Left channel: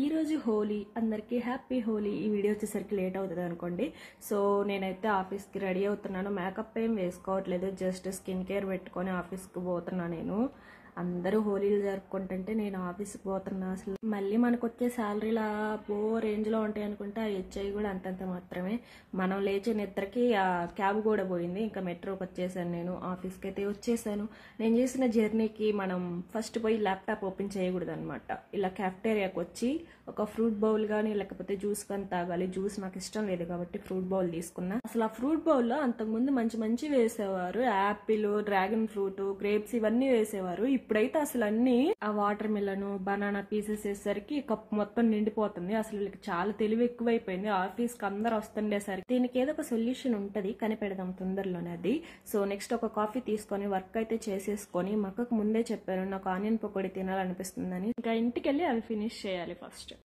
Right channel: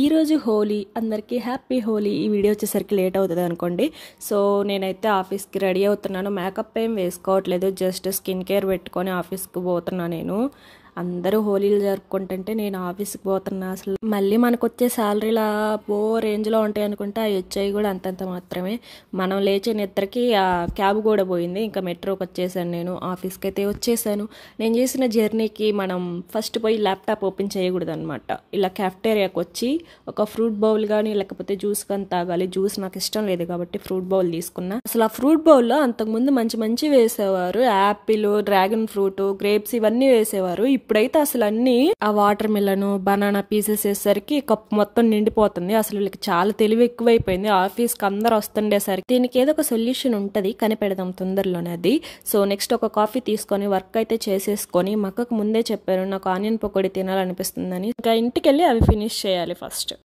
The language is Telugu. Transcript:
ఈ రోజు హోలీ అందరికీ హ్యాపీ హోలీ. ఈ వీడియో వచ్చేసరికి లేట్ అవుతుంది అనుకోండి. సో నేనైతే ఆఫీస్కి రెడీ అవుతున్నాను. మేకప్ ఏం వేసుకోవట్లేదు, జస్ట్ స్కిన్ కేర్ పెట్టుకొని ఆఫీస్కి పోతున్నా. నేను అందరూ హోలీలు జరుపుకుంటుంటే నేను ఆఫీస్కి పోతున్నా. అసలు మళ్ళీ మనకు వచ్చే శాలరీలా రేంజ్లో ఉంటాయి అనుకుంటే అవి వచ్చాయి కూడా అంతంత మాత్రమే. మనం లేచే నిద్రకి ఆ క్యాబ్ కూడా పోయింది. ఇంకా మెట్రోకి వచ్చేసాను, నేను ఆఫీస్కి అయితే వచ్చేసాను. నేను చేసిన జర్నీకి మనం ఫస్ట్ పోయి ల్యాప్టాప్ ఓపెన్ చేయకూడదు అనమాట. ఇలా క్యాఫ్టేరియాకి వచ్చి ఒక ఫ్రూట్ బౌల్ కానీ లేకపోతే జ్యూస్ కానీ తాగాలి. జ్యూస్ నాకు ఇష్టం లేదు కాబట్టి ఫ్రూట్ బౌల్ తీసుకున్నా. అసలు ఆ ఫ్రూట్ బౌల్లో అంతకుముందు మంచి మంచి వేసేవారు, యాపిల్, డ్రాగన్ ఫ్రూట్, గ్రేప్స్ ఇవన్నీ వేసేవారు. ఇప్పుడైతే అసలు అన్ని ఆ వాటర్ మిలన్, బనానా పీసెస్ వేసేసరికి కప్పు మొత్తం నిండిపోతుంది. అసలు వీళ్ళకి చాలా తెలివి ఎక్కువైపోయింది. ఆఫీస్కి అందరు వస్తుండేసరికి దీనికి ఏదో ఒక సొల్యూషన్ ఉంటుంది, కనిపెడదాం తొందరలోనే అది. సో నెక్స్ట్ ఒక కాఫీ తీసుకొని వర్క్ అయితే చేసేసుకొని, మక్కకు ముందే చెప్పాను నాకు ఆనియన్ పకోడీ తినాలనిపిస్తుందని. ఇంకా ఇంటికి వెళ్ళి అవి ఫినిష్ చేయాలి ఫస్ట్.